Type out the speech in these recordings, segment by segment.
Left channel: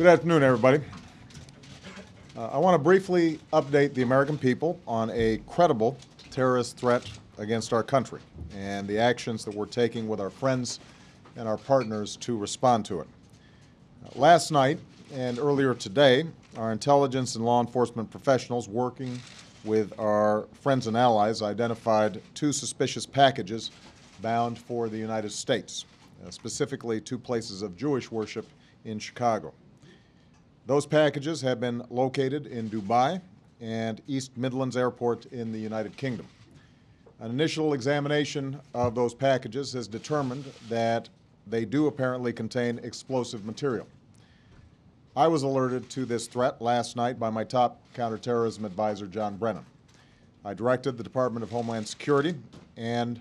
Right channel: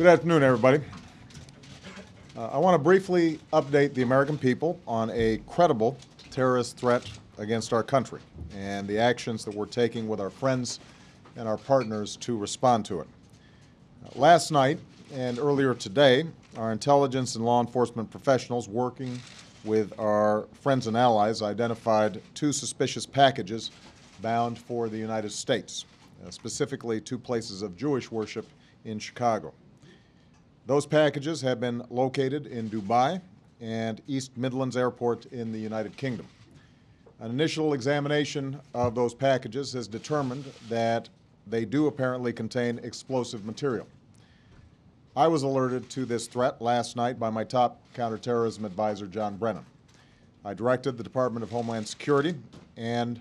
Good afternoon, everybody. I want to briefly update the American people on a credible terrorist threat against our country and the actions that we're taking with our friends and our partners to respond to it. Last night and earlier today, our intelligence and law enforcement professionals working with our friends and allies identified two suspicious packages bound for the United States, specifically two places of Jewish worship in Chicago. Those packages have been located in Dubai and East Midlands Airport in the United Kingdom. An initial examination of those packages has determined that they do apparently contain explosive material. I was alerted to this threat last night by my top counterterrorism advisor, John Brennan. I directed the Department of Homeland Security and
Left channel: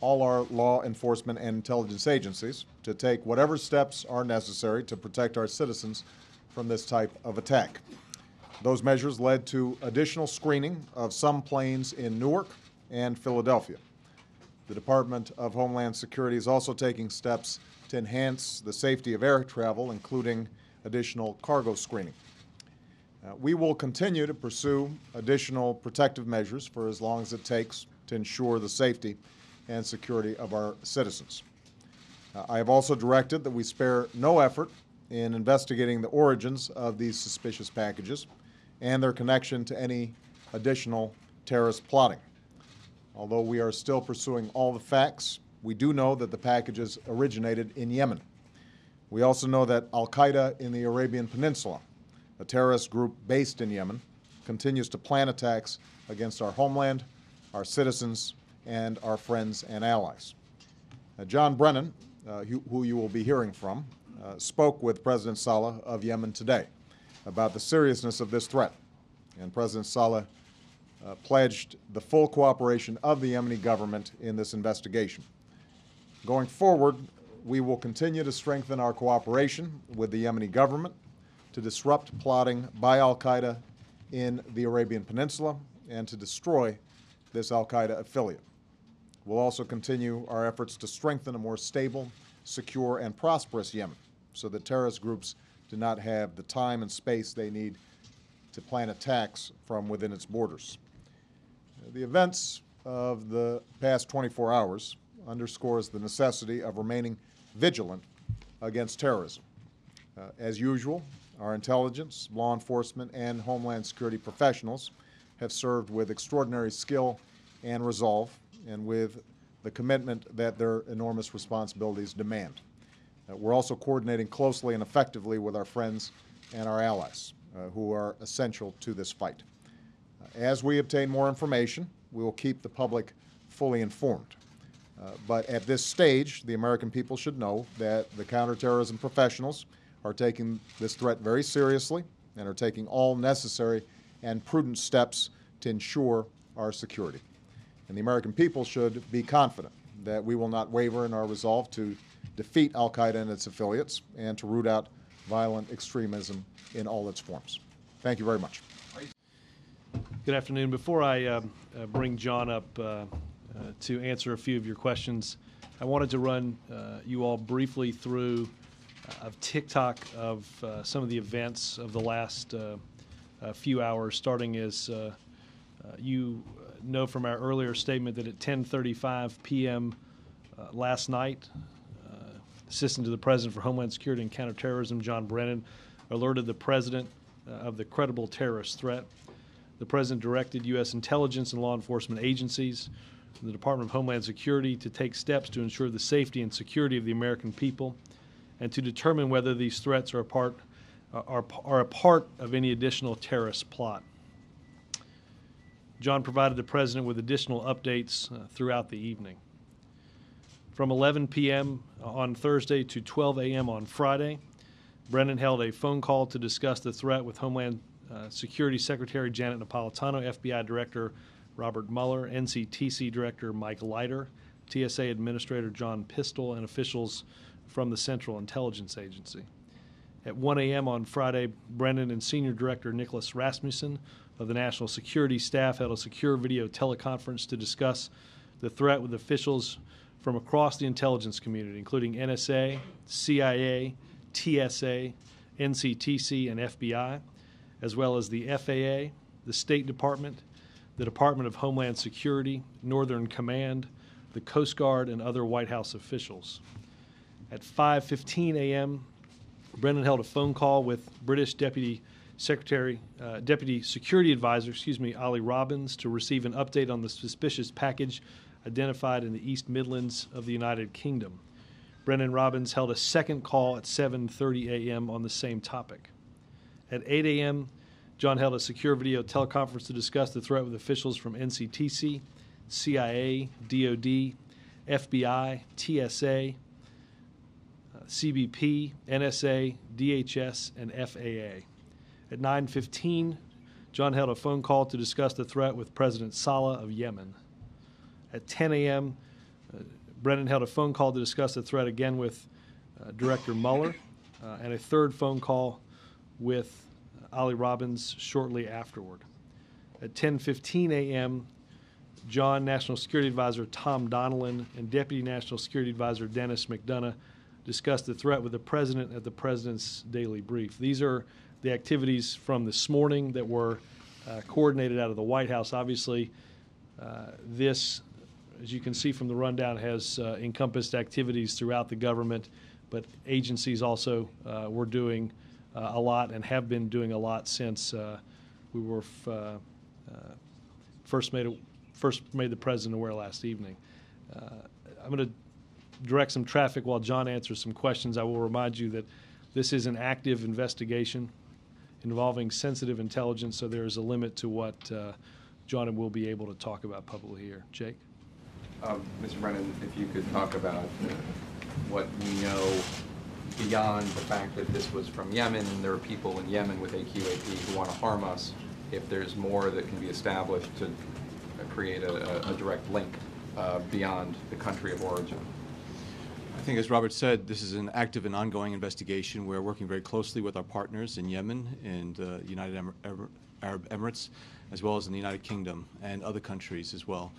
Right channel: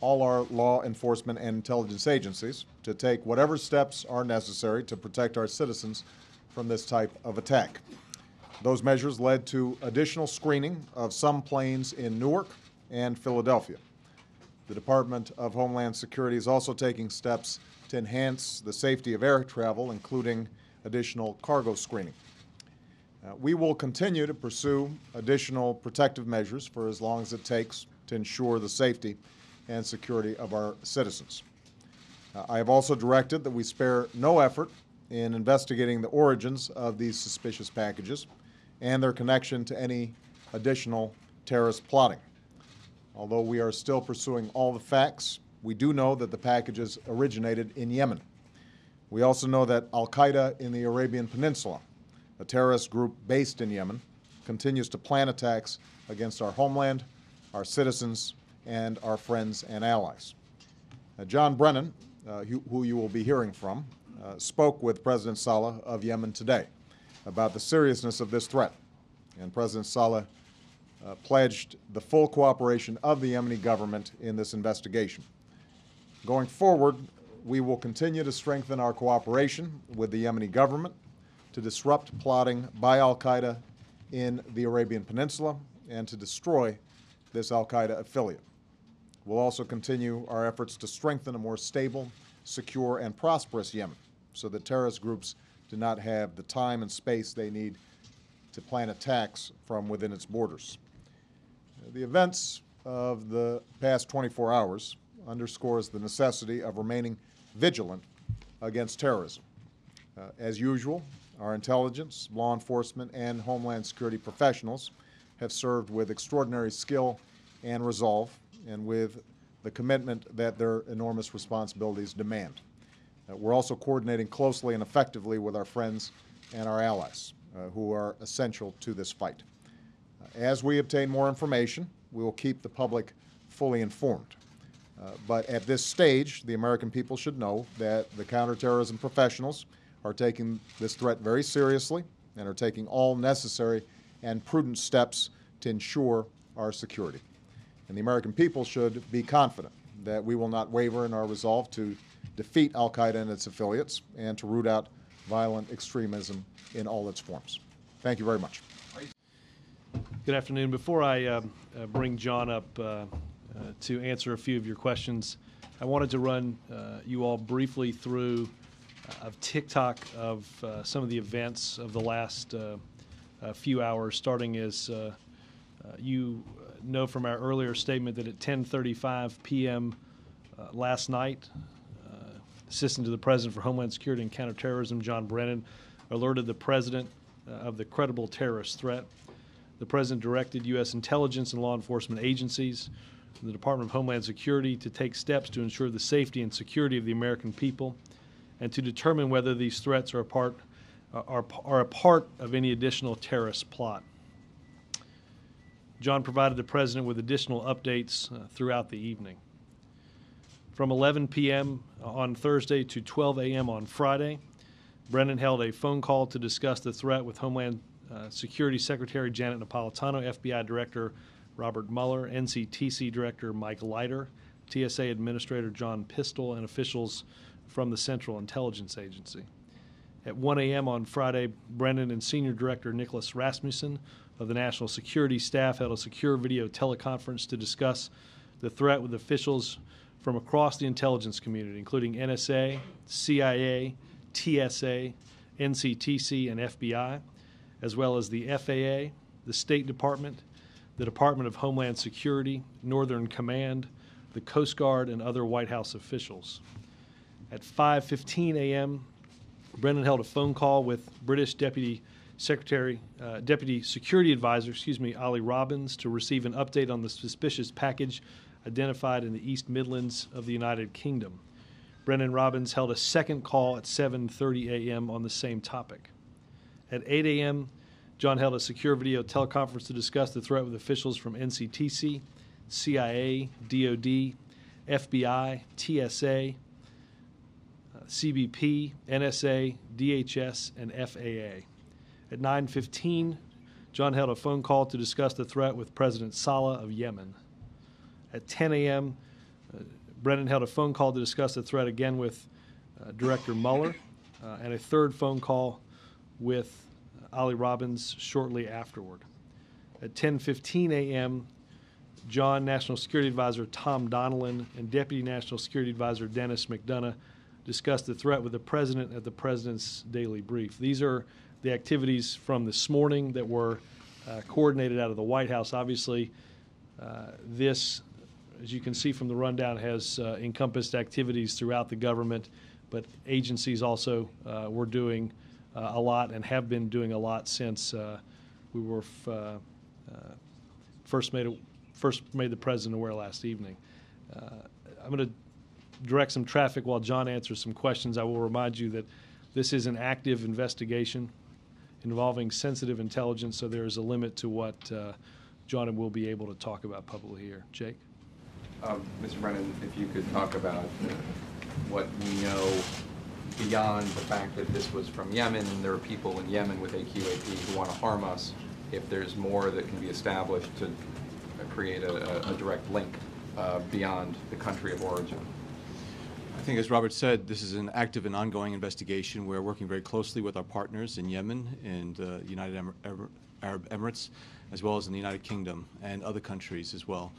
all our law enforcement and intelligence agencies to take whatever steps are necessary to protect our citizens from this type of attack. Those measures led to additional screening of some planes in Newark and Philadelphia. The Department of Homeland Security is also taking steps to enhance the safety of air travel, including additional cargo screening. We will continue to pursue additional protective measures for as long as it takes to ensure the safety and security of our citizens. I have also directed that we spare no effort in investigating the origins of these suspicious packages and their connection to any additional terrorist plotting. Although we are still pursuing all the facts, we do know that the packages originated in Yemen. We also know that Al-Qaeda in the Arabian Peninsula, a terrorist group based in Yemen, continues to plan attacks against our homeland, our citizens, and our friends and allies. John Brennan, who you will be hearing from, spoke with President Saleh of Yemen today about the seriousness of this threat, and President Saleh pledged the full cooperation of the Yemeni government in this investigation. Going forward, we will continue to strengthen our cooperation with the Yemeni government to disrupt plotting by Al-Qaeda in the Arabian Peninsula and to destroy this Al-Qaeda affiliate. We'll also continue our efforts to strengthen a more stable, secure, and prosperous Yemen so that terrorist groups do not have the time and space they need to plan attacks from within its borders. The events of the past 24 hours underscores the necessity of remaining vigilant against terrorism. As usual, our intelligence, law enforcement, and Homeland Security professionals have served with extraordinary skill and resolve and with the commitment that their enormous responsibilities demand. We're also coordinating closely and effectively with our friends and our allies who are essential to this fight. As we obtain more information, we will keep the public fully informed. But at this stage, the American people should know that the counterterrorism professionals are taking this threat very seriously and are taking all necessary and prudent steps to ensure our security. And the American people should be confident that we will not waver in our resolve to defeat Al-Qaeda and its affiliates and to root out violent extremism in all its forms. Thank you very much. Good afternoon. Before I bring John up to answer a few of your questions, I wanted to run you all briefly through a TikTok of some of the events of the last few hours, starting as you know from our earlier statement that at 10:35 p.m. Last night, Assistant to the President for Homeland Security and Counterterrorism, John Brennan, alerted the President of the credible terrorist threat. The President directed U.S. intelligence and law enforcement agencies and the Department of Homeland Security to take steps to ensure the safety and security of the American people and to determine whether these threats are a part of any additional terrorist plot. John provided the President with additional updates throughout the evening. From 11 p.m. on Thursday to 12 a.m. on Friday, Brennan held a phone call to discuss the threat with Homeland Security Secretary Janet Napolitano, FBI Director Robert Mueller, NCTC Director Mike Leiter, TSA Administrator John Pistol, and officials from the Central Intelligence Agency. At 1 a.m. on Friday, Brennan and Senior Director Nicholas Rasmussen of the National Security Staff held a secure video teleconference to discuss the threat with officials from across the intelligence community, including NSA, CIA, TSA, NCTC, and FBI, as well as the FAA, the State Department, the Department of Homeland Security, Northern Command, the Coast Guard, and other White House officials. At 5:15 a.m., Brennan held a phone call with British Deputy Secretary, Deputy Security Advisor, Ali Robbins, to receive an update on the suspicious package identified in the East Midlands of the United Kingdom. Brennan and Robbins held a second call at 7:30 a.m. on the same topic. At 8 a.m., John held a secure video teleconference to discuss the threat with officials from NCTC, CIA, DOD, FBI, TSA, CBP, NSA, DHS, and FAA. At 9:15, John held a phone call to discuss the threat with President Saleh of Yemen. At 10 a.m., Brennan held a phone call to discuss the threat again with Director Mueller, and a third phone call with Ali Robbins shortly afterward. At 10:15 a.m., John, National Security Advisor Tom Donilon, and Deputy National Security Advisor Dennis McDonough discussed the threat with the President at the President's daily brief. These are the activities from this morning that were coordinated out of the White House. Obviously, this, as you can see from the rundown, has encompassed activities throughout the government, but agencies also were doing a lot and have been doing a lot since we were first made the President aware last evening. I'm going to direct some traffic while John answers some questions. I will remind you that this is an active investigation involving sensitive intelligence, so there is a limit to what John will be able to talk about publicly here. Jake? Mr. Brennan, if you could talk about what we know beyond the fact that this was from Yemen and there are people in Yemen with AQAP who want to harm us, if there's more that can be established to create a direct link beyond the country of origin. I think, as Robert said, this is an active and ongoing investigation. We're working very closely with our partners in Yemen and United Arab Emirates, as well as in the United Kingdom and other countries as well.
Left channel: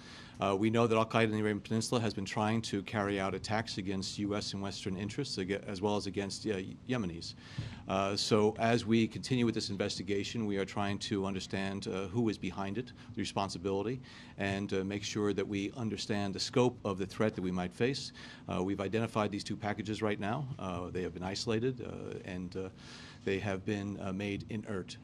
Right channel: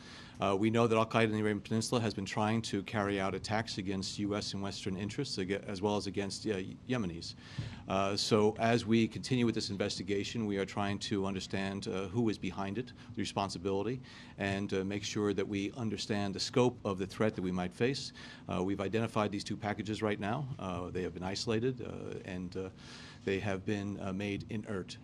We know that al-Qaeda in the Arabian Peninsula has been trying to carry out attacks against U.S. and Western interests, as well as against Yemenis. So as we continue with this investigation, we are trying to understand who is behind it, the responsibility, and make sure that we understand the scope of the threat that we might face. We've identified these two packages right now. They have been isolated and they have been made inert.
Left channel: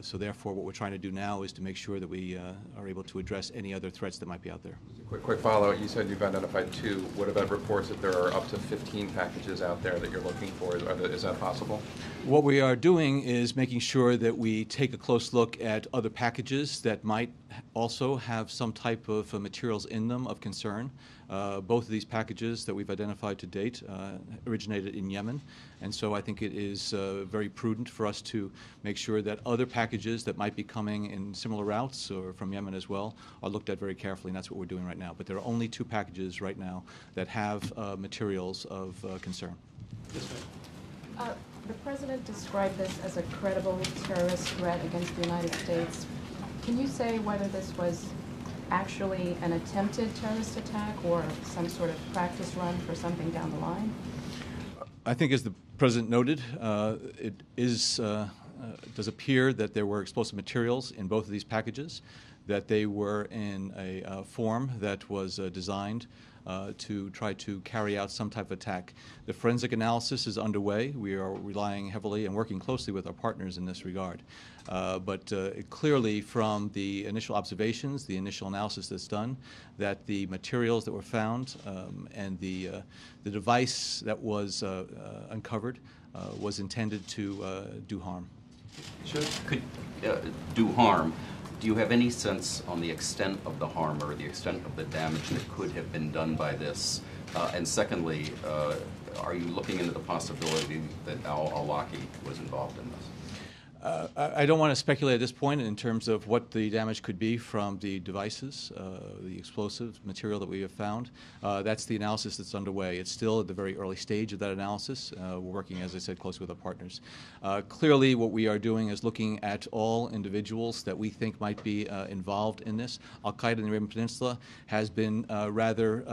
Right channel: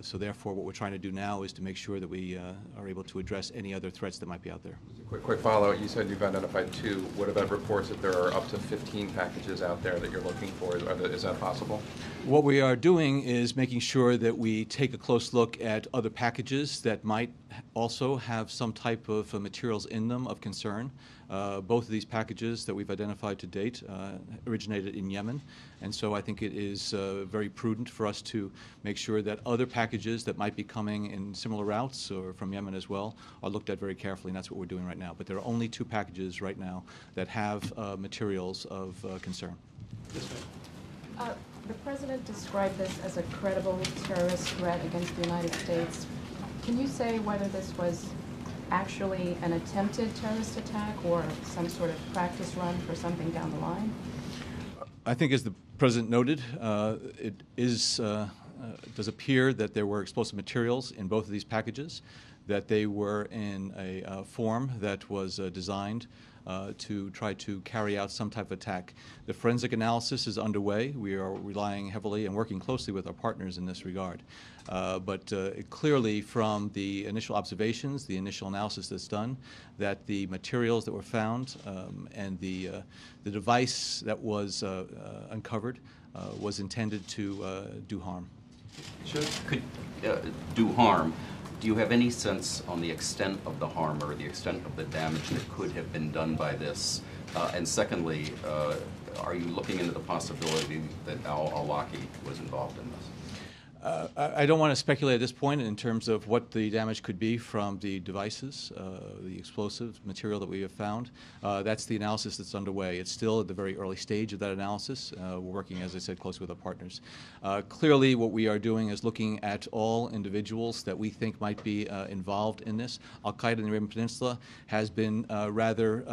So therefore, what we're trying to do now is to make sure that we are able to address any other threats that might be out there. Quick follow-up. You said you've identified 2. What about reports that there are up to 15 packages out there that you're looking for? Is that possible? What we are doing is making sure that we take a close look at other packages that might also have some type of materials in them of concern. Both of these packages that we've identified to date originated in Yemen, and so I think it is very prudent for us to make sure that other packages that might be coming in similar routes or from Yemen as well are looked at very carefully, and that's what we're doing right now. But there are only 2 packages right now that have materials of concern. The President described this as a credible terrorist threat against the United States. Can you say whether this was actually an attempted terrorist attack or some sort of practice run for something down the line? I think, as the President noted, it does appear that there were explosive materials in both of these packages, that they were in a form that was designed to try to carry out some type of attack. The forensic analysis is underway. We are relying heavily and working closely with our partners in this regard. But clearly, from the initial observations, the initial analysis that's done, that the materials that were found and the device that was uncovered was intended to do harm. Sure. Could do harm. Do you have any sense on the extent of the harm or the extent of the damage that could have been done by this? And secondly, are you looking into the possibility that al-Awlaki was involved in this? I don't want to speculate at this point in terms of what the damage could be from the devices, the explosive material that we have found. That's the analysis that's underway. It's still at the very early stage of that analysis. We're working, as I said, closely with our partners. Clearly, what we are doing is looking at all individuals that we think might be involved in this. Al-Qaeda in the Arabian Peninsula has been rather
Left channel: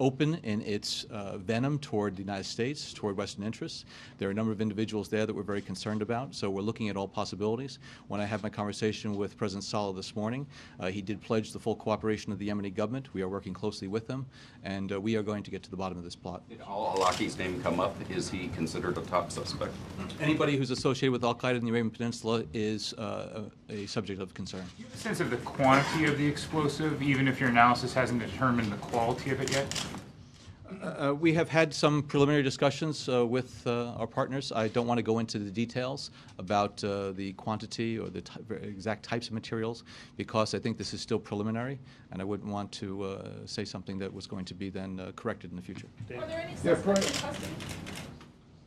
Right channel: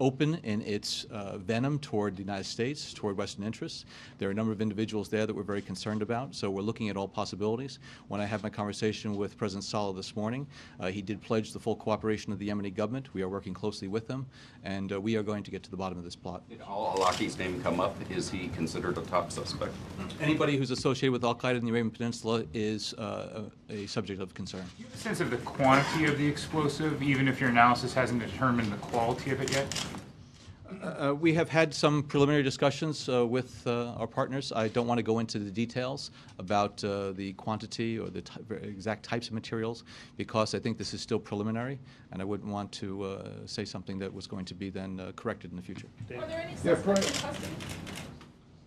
open in its venom toward the United States, toward Western interests. There are a number of individuals there that we're very concerned about, so we're looking at all possibilities. When I had my conversation with President Saleh this morning, he did pledge the full cooperation of the Yemeni government. We are working closely with them, and we are going to get to the bottom of this plot. Did al-Awlaki's name come up? Is he considered a top suspect? Anybody who's associated with Al-Qaeda in the Arabian Peninsula is a subject of concern. Do you have a sense of the quantity of the explosive, even if your analysis hasn't determined the quality of it yet? We have had some preliminary discussions with our partners. I don't want to go into the details about the quantity or the exact types of materials because I think this is still preliminary, and I wouldn't want to say something that was going to be then corrected in the future. Are there any suspects?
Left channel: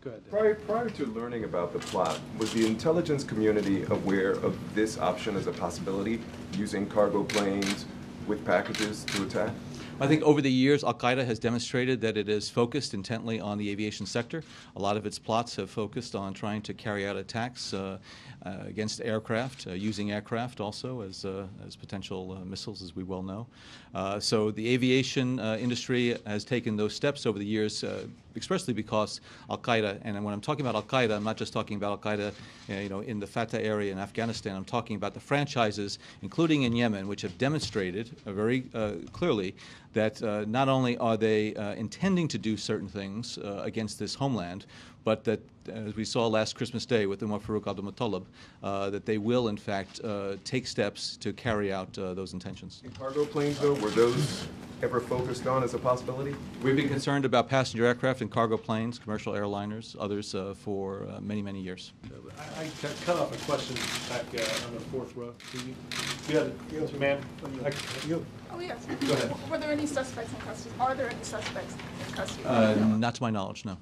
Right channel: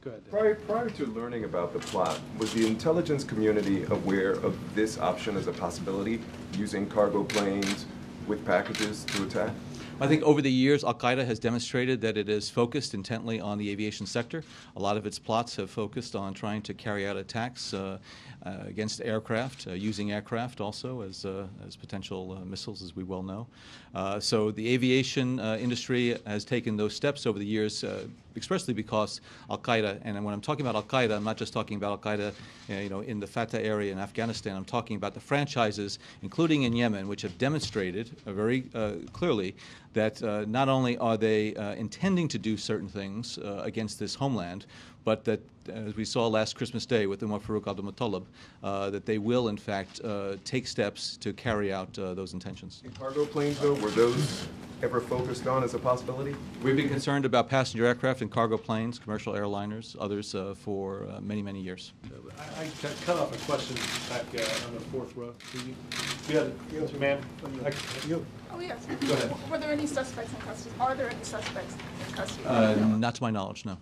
Go ahead, Dave. Prior to learning about the plot, was the intelligence community aware of this option as a possibility, using cargo planes with packages to attack? I think over the years, Al-Qaeda has demonstrated that it is focused intently on the aviation sector. A lot of its plots have focused on trying to carry out attacks against aircraft, using aircraft also as potential missiles, as we well know. So the aviation industry has taken those steps over the years, expressly because Al-Qaeda, and when I'm talking about Al-Qaeda, I'm not just talking about Al-Qaeda in the Fatah area in Afghanistan. I'm talking about the franchises, including in Yemen, which have demonstrated very clearly that not only are they intending to do certain things against this homeland, but that, as we saw last Christmas Day with Umar Farouk Abdul-Muttalib, that they will, in fact, take steps to carry out those intentions. And cargo planes, though, were those ever focused on as a possibility? We've been concerned about passenger aircraft and cargo planes, commercial airliners, others for many, many years. I cut off a question back on the fourth row. You had a ma'am. Oh, yes. Go ahead. Were there any suspects in custody? Are there any suspects in custody? Not to my knowledge, no.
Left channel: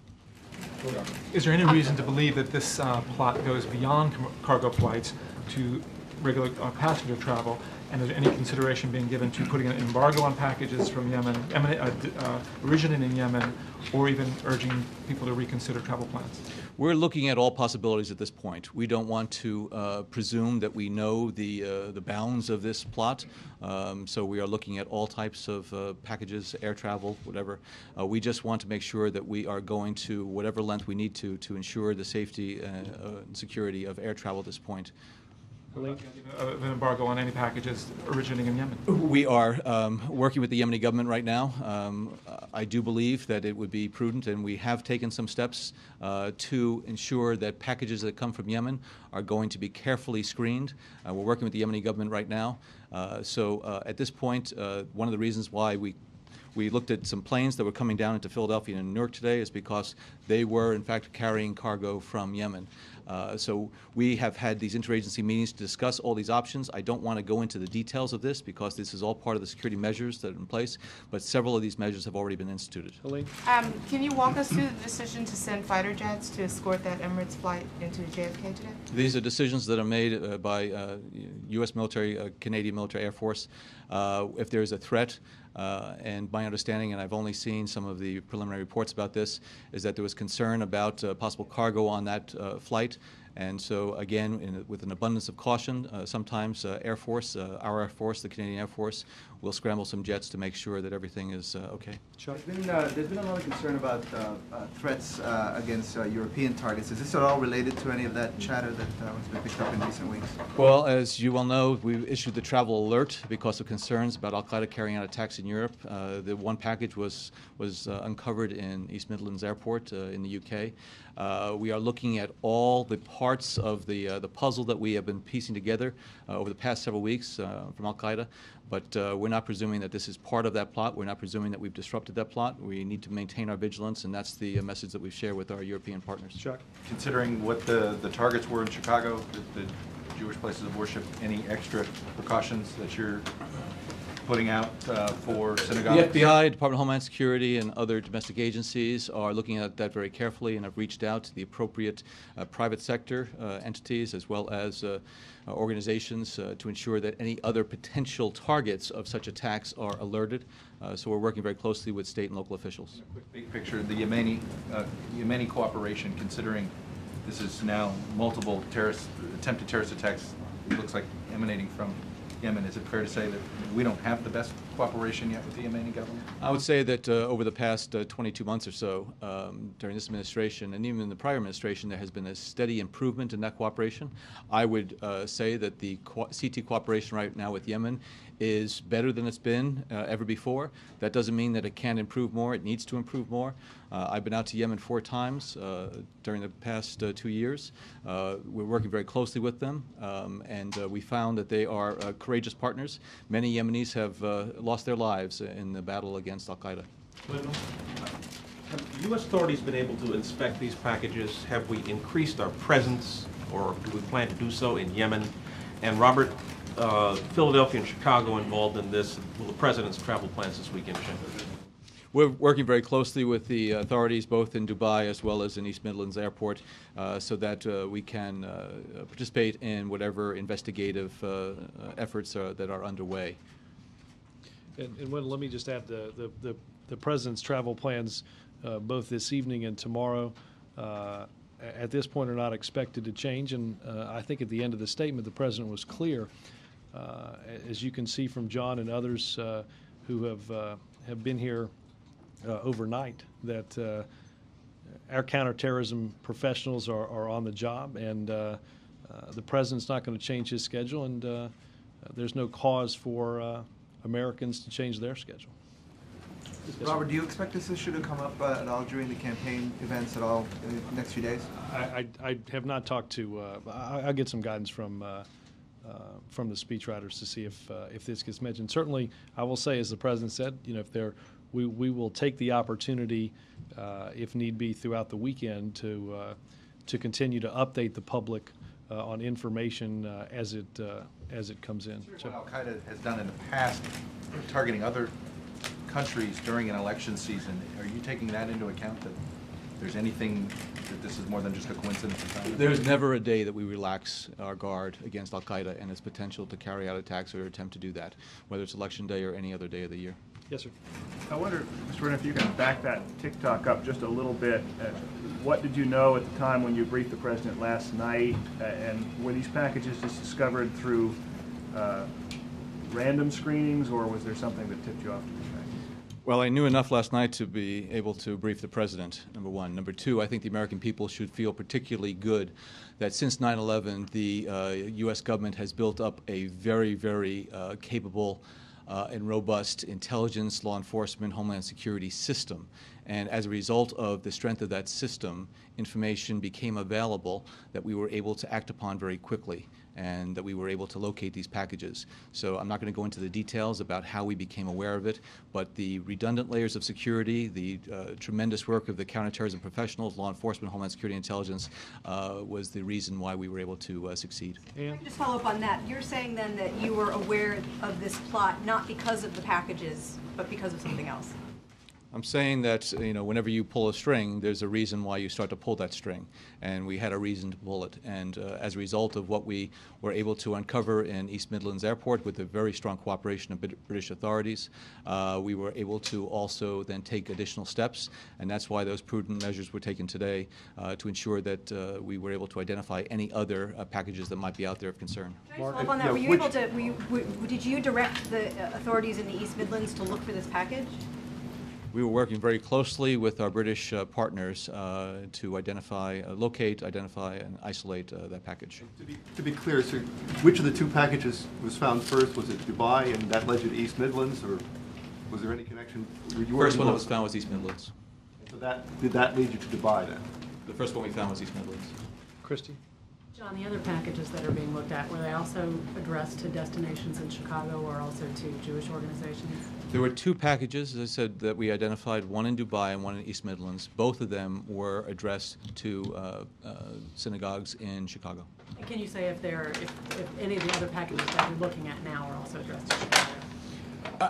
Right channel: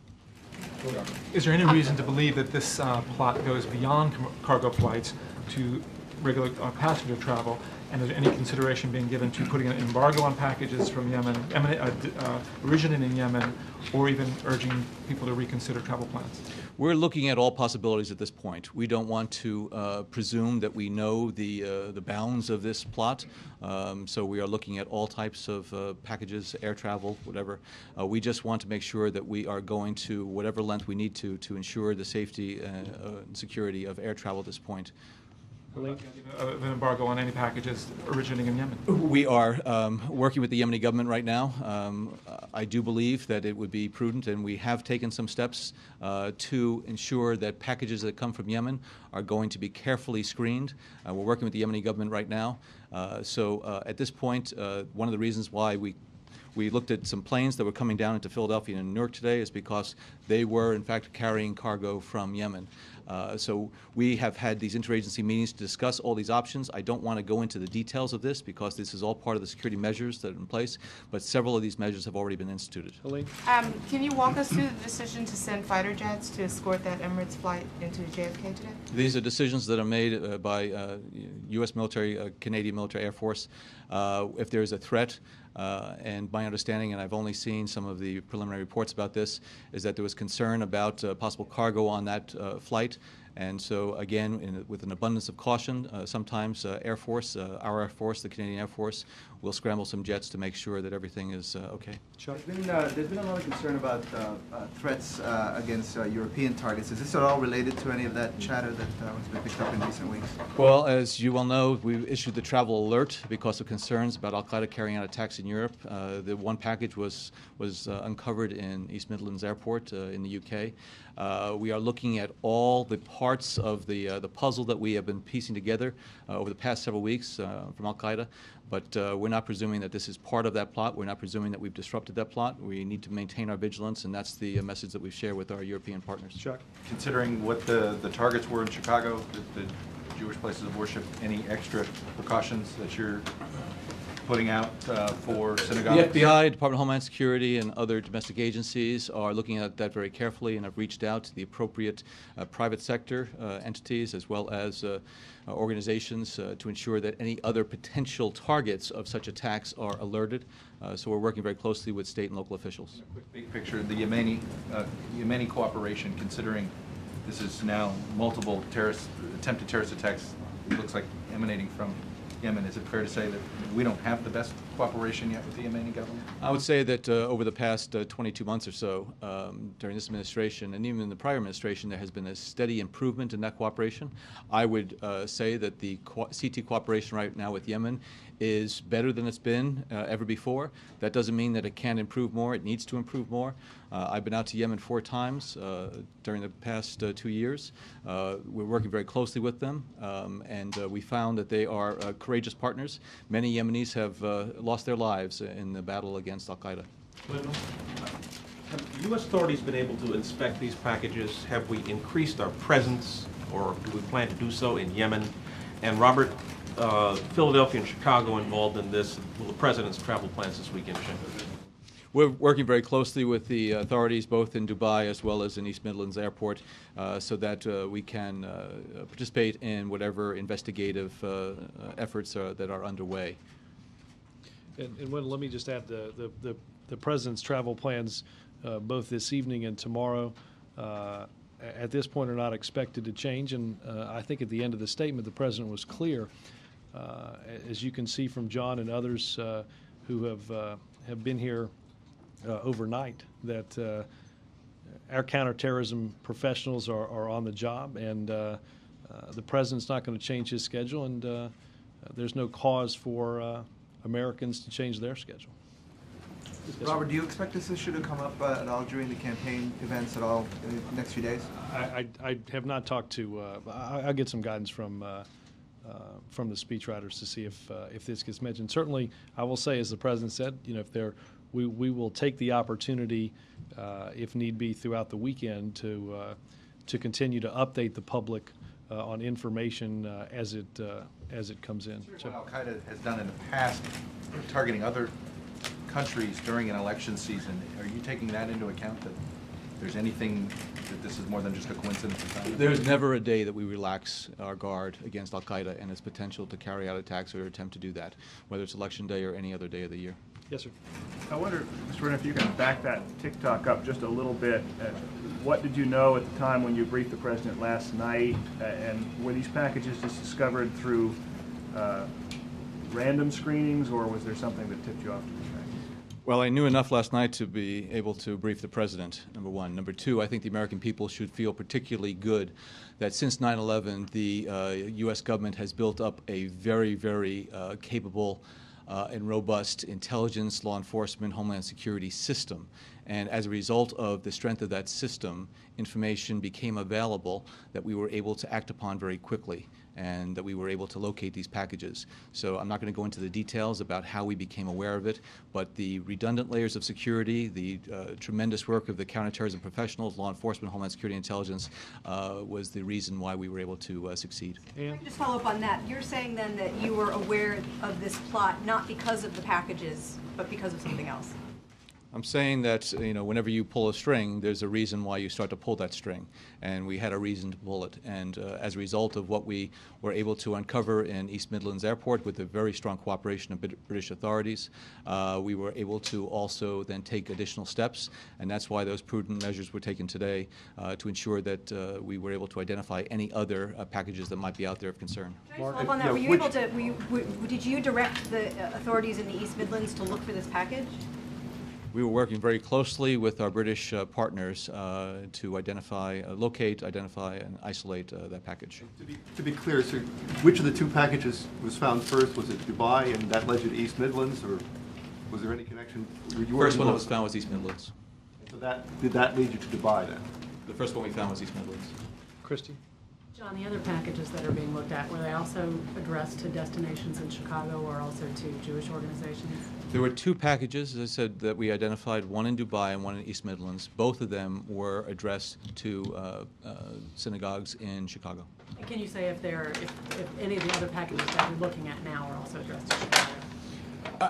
Is there any reason to believe that this plot goes beyond cargo flights to regular passenger travel? And is there any consideration being given to putting an embargo on packages from Yemen, originating in Yemen, or even urging people to reconsider travel plans? We're looking at all possibilities at this point. We don't want to presume that we know the bounds of this plot, so we are looking at all types of packages, air travel, whatever. We just want to make sure that we are going to whatever length we need to ensure the safety and security of air travel at this point. An embargo on any packages originating in Yemen? We are working with the Yemeni government right now. I do believe that it would be prudent, and we have taken some steps to ensure that packages that come from Yemen are going to be carefully screened. We're working with the Yemeni government right now. So at this point, one of the reasons why we looked at some planes that were coming down into Philadelphia and Newark today is because they were, in fact, carrying cargo from Yemen. So we have had these interagency meetings to discuss all these options. I don't want to go into the details of this because this is all part of the security measures that are in place, but several of these measures have already been instituted. Can you walk us through the decision to send fighter jets to escort that Emirates flight into JFK today? These are decisions that are made by U.S. military, Canadian military Air Force. If there is a threat, and my understanding, and I've only seen some of the preliminary reports about this, is that there was concern about possible cargo on that flight. And so, again, with an abundance of caution, sometimes Air Force, our Air Force, the Canadian Air Force, will scramble some jets to make sure that everything is okay. There's been a lot of concern about threats against European targets. Is this at all related to any of that chatter that was picked up in recent weeks? Well, as you well know, we've issued the travel alert because of concerns about Al-Qaeda carrying out attacks in Europe. The one package was uncovered in East Midlands Airport in the UK. We are looking at all the parts of the puzzle that we have been piecing together over the past several weeks from Al-Qaeda, but we're not presuming that this is part of that plot. We're not presuming that we've disrupted that plot. We need to maintain our vigilance, and that's the message that we've shared with our European partners. Chuck? Considering what the targets were in Chicago, the Jewish places of worship, any extra precautions that you're putting out for The synagogues? FBI, Department of Homeland Security, and other domestic agencies are looking at that very carefully and have reached out to the appropriate private sector entities as well as organizations to ensure that any other potential targets of such attacks are alerted. So we're working very closely with state and local officials. Big picture, the Yemeni cooperation, considering this is now multiple attempted terrorist attacks, it looks like emanating from Yemen. Is it fair to say that we don't have the best cooperation yet with the Yemeni government? I would say that over the past 22 months or so, during this administration and even in the prior administration, there has been a steady improvement in that cooperation. I would say that the CT cooperation right now with Yemen is better than it's been ever before. That doesn't mean that it can't improve more. It needs to improve more. I've been out to Yemen 4 times during the past 2 years. We're working very closely with them, and we found that they are courageous partners. Many Yemenis have lost their lives in the battle against al-Qaeda. Have U.S. authorities been able to inspect these packages? Have we increased our presence, or do we plan to do so in Yemen? And Robert, Philadelphia and Chicago involved in this. Will the president's travel plans this weekend change? We're working very closely with the authorities both in Dubai as well as in East Midlands Airport so that we can participate in whatever investigative efforts that are underway. And let me just add the president's travel plans both this evening and tomorrow at this point are not expected to change. And I think at the end of the statement, the president was clear, as you can see from John and others who have been here overnight, that our counterterrorism professionals are on the job, and the president's not going to change his schedule, and there's no cause for Americans to change their schedule. Yes, Robert, do you expect this issue to come up at all during the campaign events at all in the next few days? I have not talked to. I'll get some guidance from the speechwriters to see if this gets mentioned. Certainly, I will say, as the president said, if there. We will take the opportunity, if need be, throughout the weekend to continue to update the public on information as it comes in. So what al-Qaeda has done in the past, targeting other countries during an election season, are you taking that into account, that there's anything, that this is more than just a coincidence? There's never a day that we relax our guard against al-Qaeda and its potential to carry out attacks or attempt to do that, whether it's election day or any other day of the year. Yes, sir. I wonder, Mr. Brennan, if you can back that TikTok up just a little bit. What did you know at the time when you briefed the president last night? And were these packages just discovered through random screenings, or was there something that tipped you off to the track? Well, I knew enough last night to be able to brief the president, number one. Number two, I think the American people should feel particularly good that since 9/11, the U.S. government has built up a very, very capable and robust intelligence, law enforcement, homeland security system. And as a result of the strength of that system, information became available that we were able to act upon very quickly, and that we were able to locate these packages. So I'm not going to go into the details about how we became aware of it, but the redundant layers of security, the tremendous work of the counterterrorism professionals, law enforcement, homeland security, intelligence was the reason why we were able to succeed. Can I just follow up on that? You're saying then that you were aware of this plot not because of the packages, but because of something else? I'm saying that whenever you pull a string, there's a reason why you start to pull that string, and we had a reason to pull it. And as a result of what we were able to uncover in East Midlands Airport with the very strong cooperation of British authorities, we were able to also then take additional steps, and that's why those prudent measures were taken today to ensure that we were able to identify any other packages that might be out there of concern. Can I follow up on that? Were you able to? Did you direct the authorities in the East Midlands to look for this package? We were working very closely with our British partners to locate, identify, and isolate that package. To be clear, sir, which of the two packages was found first? Was it Dubai, and that led you to East Midlands, or was there any connection? The first one that was found was East Midlands. So did that lead you to Dubai then? The first one we found was East Midlands. Christy? John, the other packages that are being looked at, were they also addressed to destinations in Chicago or also to Jewish organizations? There were two packages, as I said, that we identified, one in Dubai and one in East Midlands. Both of them were addressed to synagogues in Chicago. And can you say if any of the other packages that you're looking at now are also addressed to Chicago?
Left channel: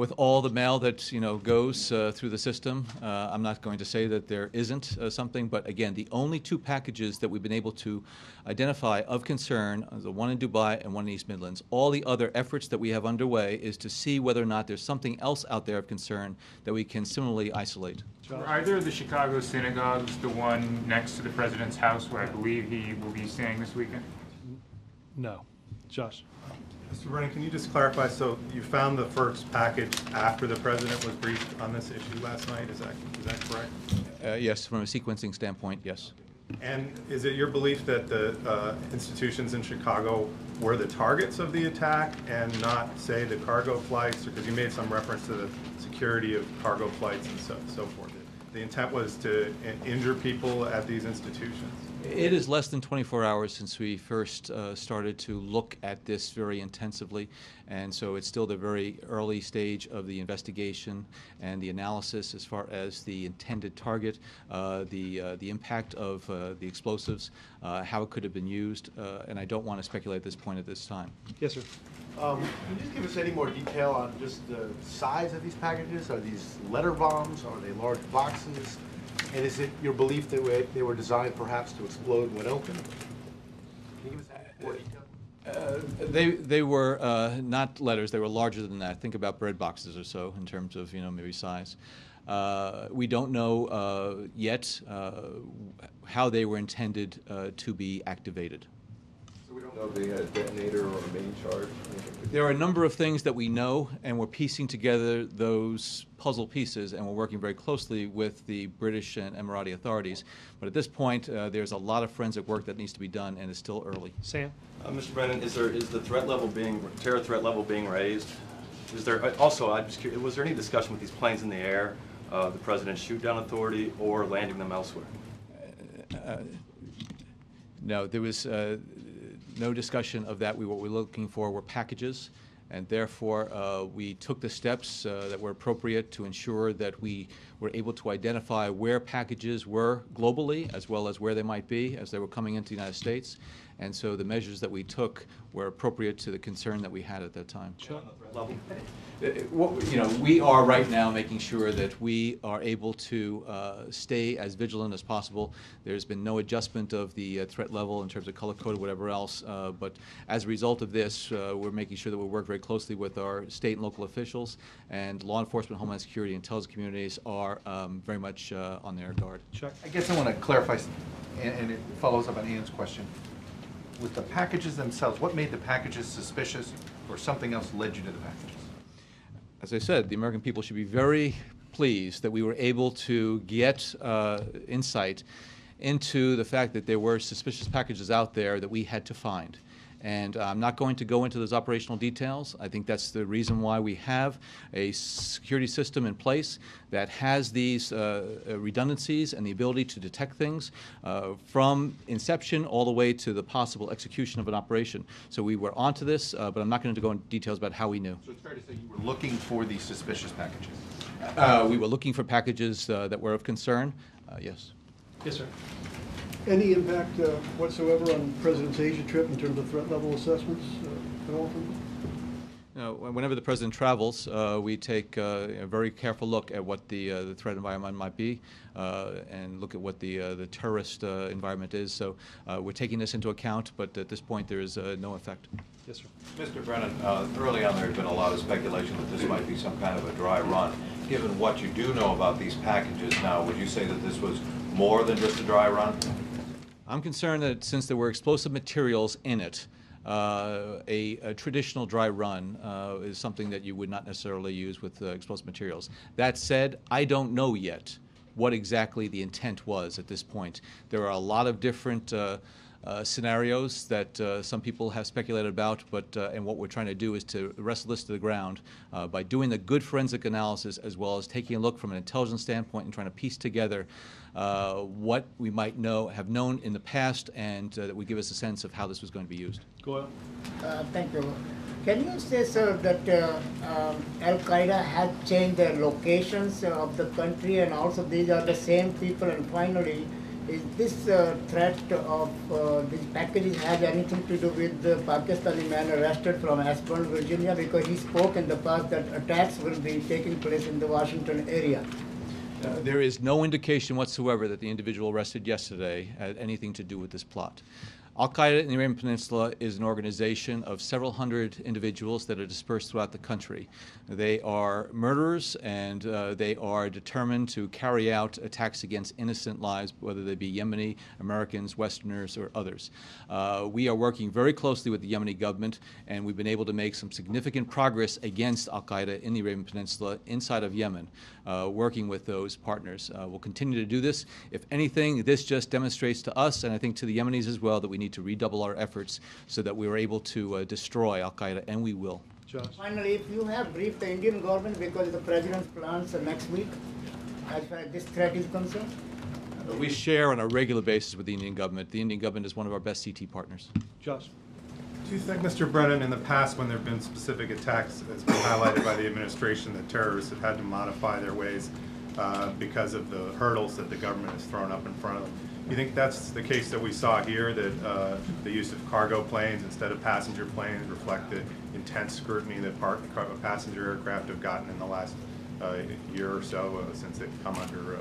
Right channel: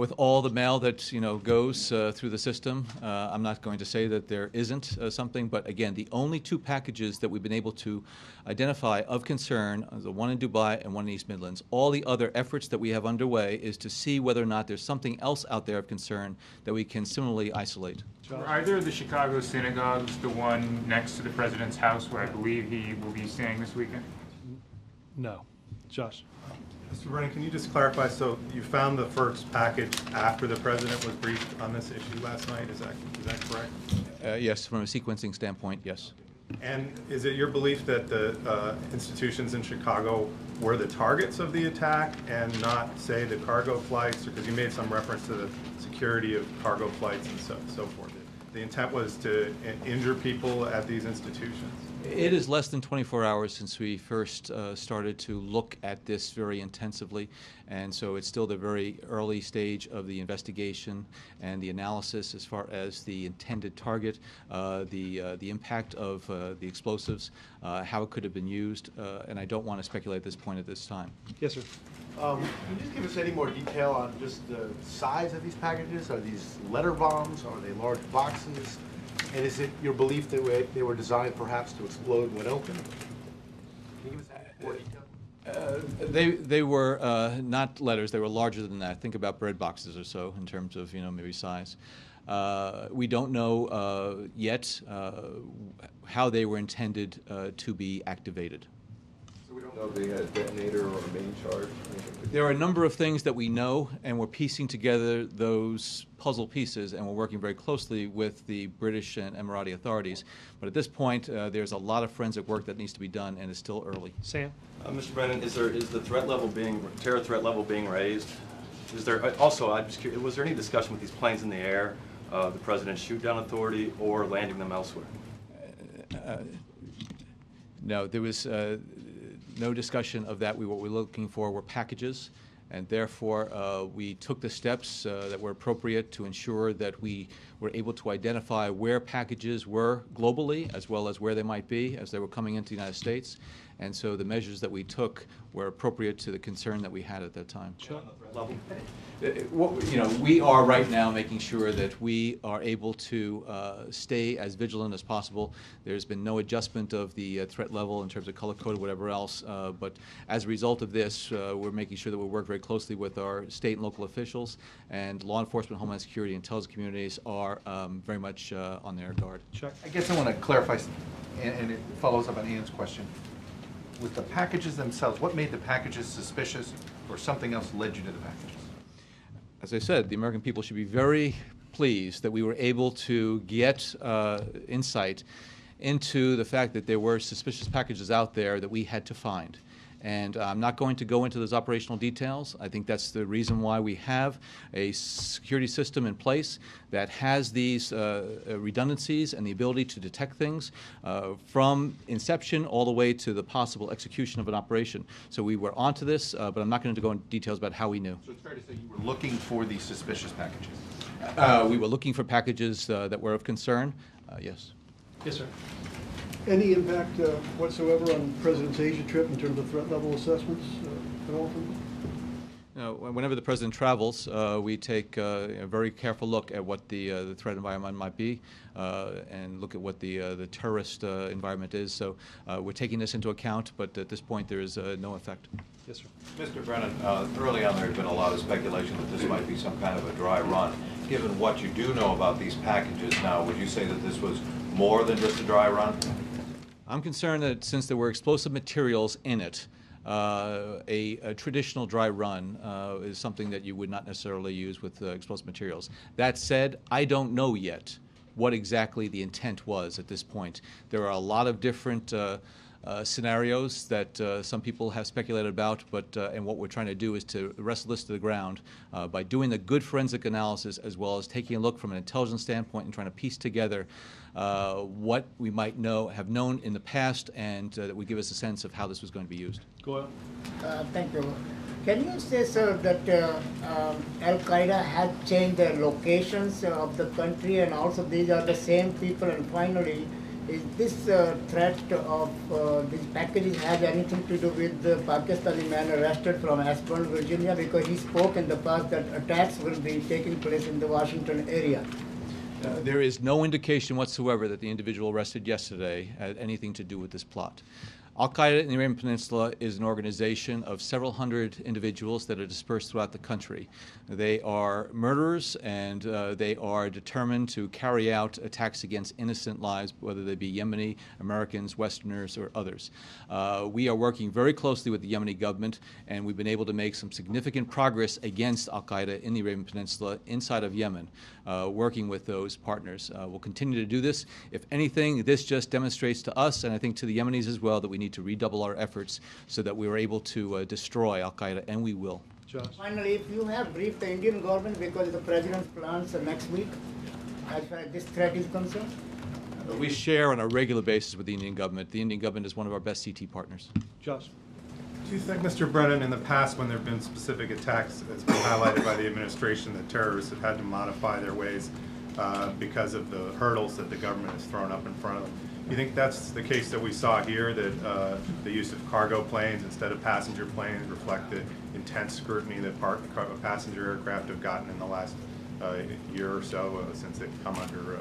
With all the mail that goes through the system, I'm not going to say that there isn't something. But again, the only two packages that we've been able to identify of concern are the one in Dubai and one in East Midlands. All the other efforts that we have underway is to see whether or not there's something else out there of concern that we can similarly isolate. Were either of the Chicago synagogues the one next to the president's house, where I believe he will be staying this weekend? No. Josh. Mr. Brennan, can you just clarify, so you found the first package after the president was briefed on this issue last night, is that correct? Yes, from a sequencing standpoint, yes. And is it your belief that the institutions in Chicago were the targets of the attack and not, say, the cargo flights? Because you made some reference to the security of cargo flights and so forth. The intent was to injure people at these institutions? It is less than 24 hours since we first started to look at this very intensively, and so it's still the very early stage of the investigation and the analysis as far as the intended target, the impact of the explosives, how it could have been used, and I don't want to speculate at this point at this time. Yes, sir. Can you just give us any more detail on just the size of these packages? Are these letter bombs? Are they large boxes? And is it your belief that they were designed perhaps to explode when opened? Can you give us that more detail? They were not letters. They were larger than that. Think about bread boxes or so in terms of maybe size. We don't know yet how they were intended to be activated. So we don't know if they had a detonator or a main charge? There are a number of things that we know, and we're piecing together those puzzle pieces, and we're working very closely with the British and Emirati authorities. But at this point, there's a lot of forensic work that needs to be done, and it's still early. Sam? Mr. Brennan, is the terror threat level being raised? Is there also? I'm just curious, was there any discussion with these planes in the air, the president's shoot-down authority, or landing them elsewhere? No, there was no discussion of that. What we're looking for were packages, and therefore we took the steps that were appropriate to ensure that we were able to identify where packages were globally, as well as where they might be as they were coming into the United States. And so the measures that we took were appropriate to the concern that we had at that time. We are right now making sure that we are able to stay as vigilant as possible. There's been no adjustment of the threat level in terms of color code or whatever else, but as a result of this, we're making sure that we work very closely with our state and local officials, and law enforcement, Homeland Security, and intelligence communities are very much on their guard. Chuck? I guess I want to clarify, and it follows up on Ian's question. With the packages themselves, what made the packages suspicious, or something else led you to the packages? As I said, the American people should be very pleased that we were able to get insight into the fact that there were suspicious packages out there that we had to find. And I'm not going to go into those operational details. I think that's the reason why we have a security system in place that has these redundancies and the ability to detect things from inception all the way to the possible execution of an operation. So we were onto this, but I'm not going to go into details about how we knew. So it's fair to say you were looking for these suspicious packages? We were looking for packages that were of concern, yes. Yes, sir. Any impact whatsoever on the President's Asia trip in terms of threat level assessments at all? Whenever the President travels, we take a very careful look at what the threat environment might be and look at what the terrorist environment is. So we're taking this into account, but at this point there is no effect. Yes, sir. Mr. Brennan, early on there had been a lot of speculation that this might be some kind of a dry run. Given what you do know about these packages now, would you say that this was more than just a dry run? I'm concerned that since there were explosive materials in it, a traditional dry run is something that you would not necessarily use with explosive materials. That said, I don't know yet what exactly the intent was at this point. There are a lot of different scenarios that some people have speculated about, but and what we're trying to do is to wrestle this to the ground by doing the good forensic analysis, as well as taking a look from an intelligence standpoint and trying to piece together what we might have known in the past, and that would give us a sense of how this was going to be used. Go ahead. Thank you. Can you say, sir, that Al-Qaeda had changed their locations of the country, and also these are the same people? And finally, is this threat of these packages has anything to do with the Pakistani man arrested from Ashburn, Virginia? Because he spoke in the past that attacks will be taking place in the Washington area. There is no indication whatsoever that the individual arrested yesterday had anything to do with this plot. Al-Qaeda in the Arabian Peninsula is an organization of several hundred individuals that are dispersed throughout the country. They are murderers, and they are determined to carry out attacks against innocent lives, whether they be Yemeni, Americans, Westerners, or others. We are working very closely with the Yemeni government, and we've been able to make some significant progress against Al-Qaeda in the Arabian Peninsula inside of Yemen, working with those partners. We'll continue to do this. If anything, this just demonstrates to us, and I think to the Yemenis as well, that we need to redouble our efforts so that we are able to destroy Al-Qaeda, and we will. Josh. Finally, if you have briefed the Indian government because the president's plans next week, as far as this threat is concerned? We share on a regular basis with the Indian government. The Indian government is one of our best CT partners. Josh. Do you think, Mr. Brennan, in the past when there have been specific attacks, it's been highlighted by the administration that terrorists have had to modify their ways because of the hurdles that the government has thrown up in front of them? Do you think that's the case that we saw here, that the use of cargo planes instead of passenger planes reflect the intense scrutiny that passenger aircraft have gotten in the last year or so since they've come under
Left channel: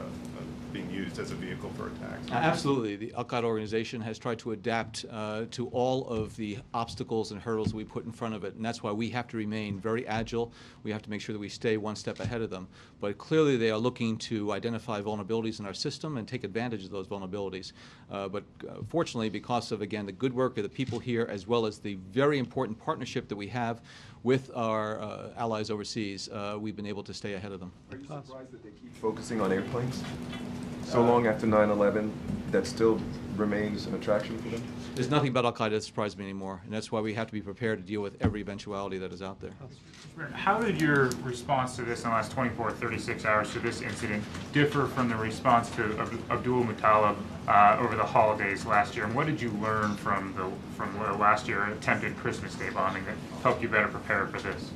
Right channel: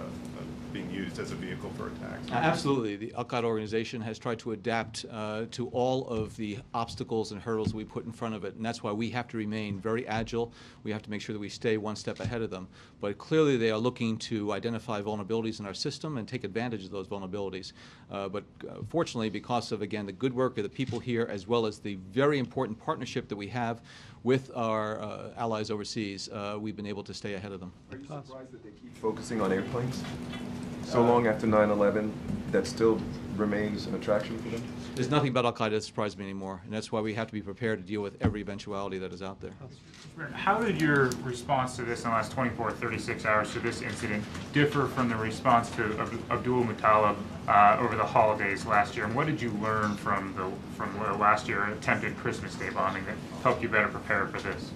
being used as a vehicle for attacks? Absolutely. The Al-Qaeda organization has tried to adapt to all of the obstacles and hurdles we put in front of it, and that's why we have to remain very agile. We have to make sure that we stay one step ahead of them. But clearly they are looking to identify vulnerabilities in our system and take advantage of those vulnerabilities. But fortunately, because of, again, the good work of the people here, as well as the very important partnership that we have with our allies overseas, we've been able to stay ahead of them. Are you surprised that they keep focusing on airplanes? So long after 9/11, that still remains an attraction for them? There's nothing about Al-Qaeda that surprises me anymore, and that's why we have to be prepared to deal with every eventuality that is out there. How did your response to this in the last 24, 36 hours to this incident differ from the response to Abdul Muttalib over the holidays last year? And what did you learn from last year attempted Christmas Day bombing that helped you better prepare for this?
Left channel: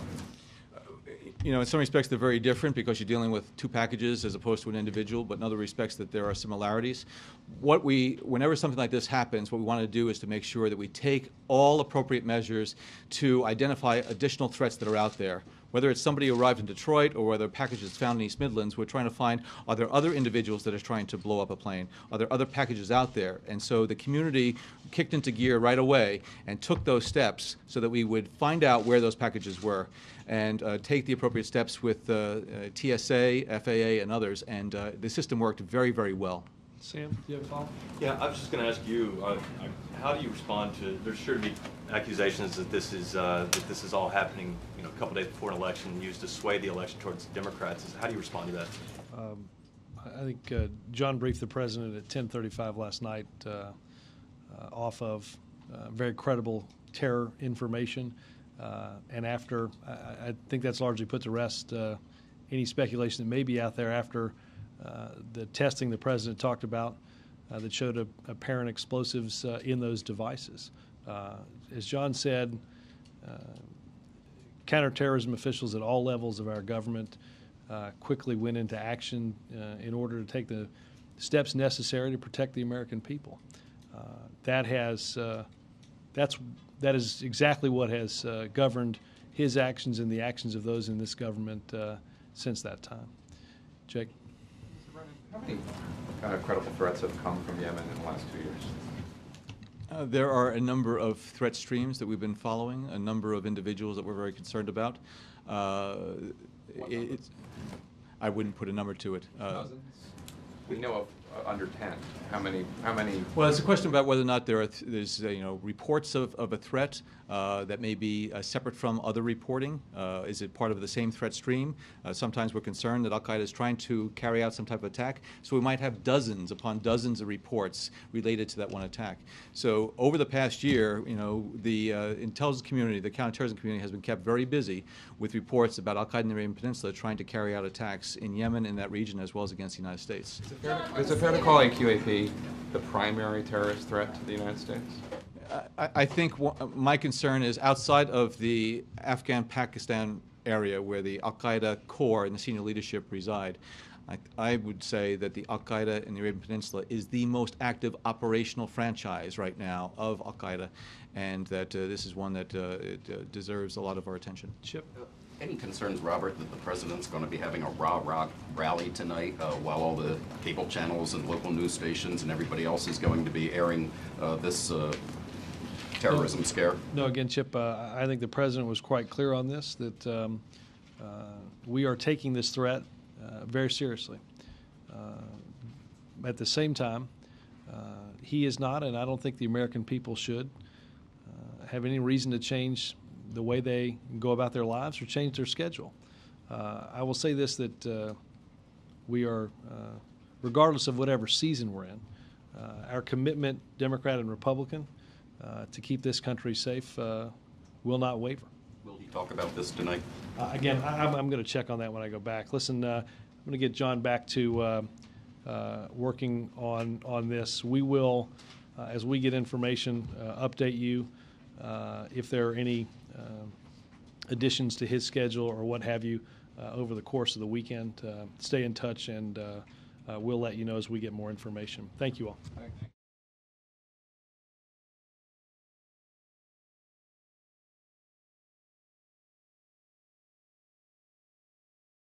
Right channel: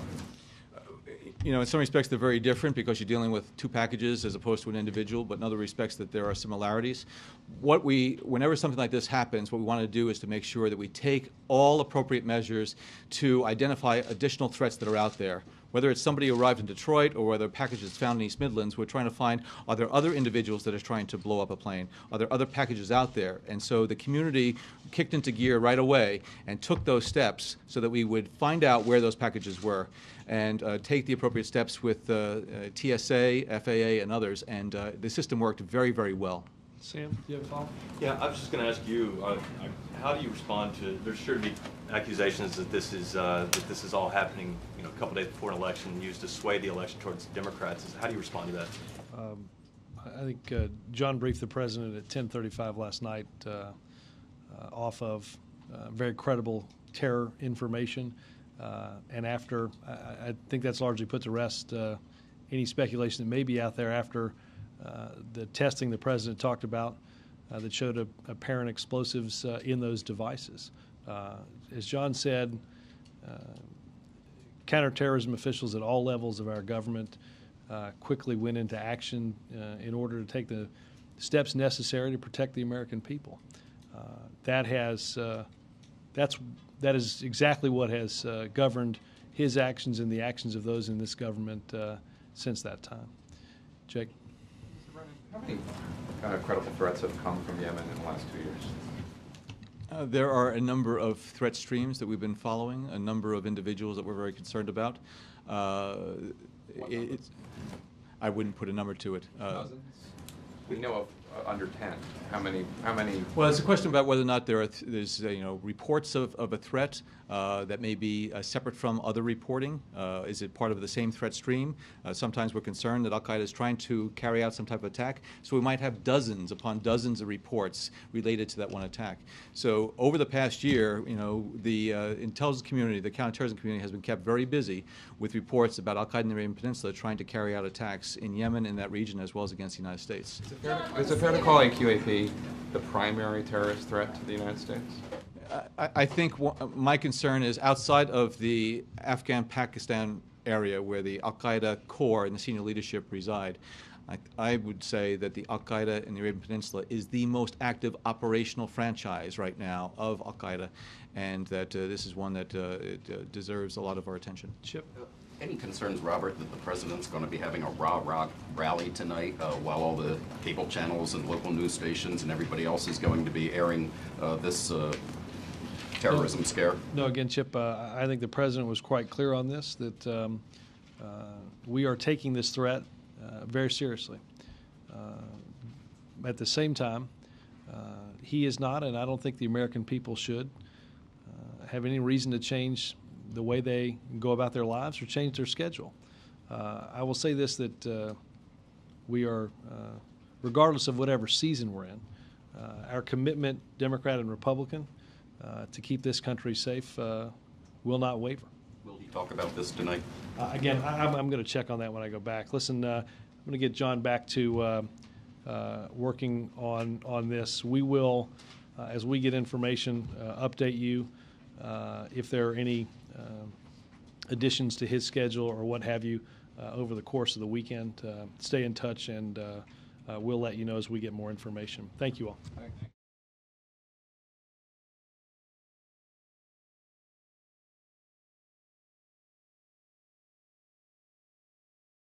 You know, in some respects they're very different because you're dealing with two packages as opposed to an individual, but in other respects that there are similarities. Whenever something like this happens, what we want to do is to make sure that we take all appropriate measures to identify additional threats that are out there. Whether it's somebody who arrived in Detroit or whether a package is found in East Midlands, we're trying to find, are there other individuals that are trying to blow up a plane? Are there other packages out there? And so the community kicked into gear right away and took those steps so that we would find out where those packages were and take the appropriate steps with TSA, FAA, and others. And the system worked very, very well. Sam, do you have a follow-up? Yeah, I was just going to ask you, how do you respond to, there's sure to be accusations that this is all happening, you know, a couple days before an election and used to sway the election towards Democrats. How do you respond to that? I think John briefed the president at 10:35 last night off of very credible terror information. And after, I think that's largely put to rest any speculation that may be out there after the testing the president talked about that showed apparent explosives in those devices. As John said, counterterrorism officials at all levels of our government quickly went into action in order to take the steps necessary to protect the American people. That is exactly what has governed his actions and the actions of those in this government since that time. Jake? How many kind of credible threats have come from Yemen in the last 2 years? There are a number of threat streams that we've been following, a number of individuals that we're very concerned about. I wouldn't put a number to it. Dozens? We know of under 10. How many? Well, it's a question about whether or not there's reports of a threat that may be separate from other reporting. Is it part of the same threat stream? Sometimes we're concerned that Al-Qaeda is trying to carry out some type of attack, so we might have dozens upon dozens of reports related to that one attack. So over the past year, the intelligence community, the counterterrorism community has been kept very busy with reports about Al-Qaeda in the Arabian Peninsula trying to carry out attacks in Yemen, in that region, as well as against the United States. Is it fair to call AQAP the primary terrorist threat to the United States? I think my concern is outside of the Afghan-Pakistan area where the Al-Qaeda core and the senior leadership reside. I would say that the Al-Qaeda in the Arabian Peninsula is the most active operational franchise right now of Al-Qaeda, and that this is one that deserves a lot of our attention. Chip? Any concerns, Robert, that the president's going to be having a rah-rah rally tonight while all the cable channels and local news stations and everybody else is going to be airing this terrorism scare? No, again, Chip, I think the president was quite clear on this, that we are taking this threat very seriously. At the same time, he is not, and I don't think the American people should, have any reason to change the way they go about their lives or change their schedule. I will say this, that we are, regardless of whatever season we're in, our commitment, Democrat and Republican, to keep this country safe will not waver. Will he talk about this tonight? Again, I'm going to check on that when I go back. Listen, I'm going to get John back to working on this. We will, as we get information, update you if there are any additions to his schedule or what have you over the course of the weekend. Stay in touch, and we'll let you know as we get more information. Thank you all.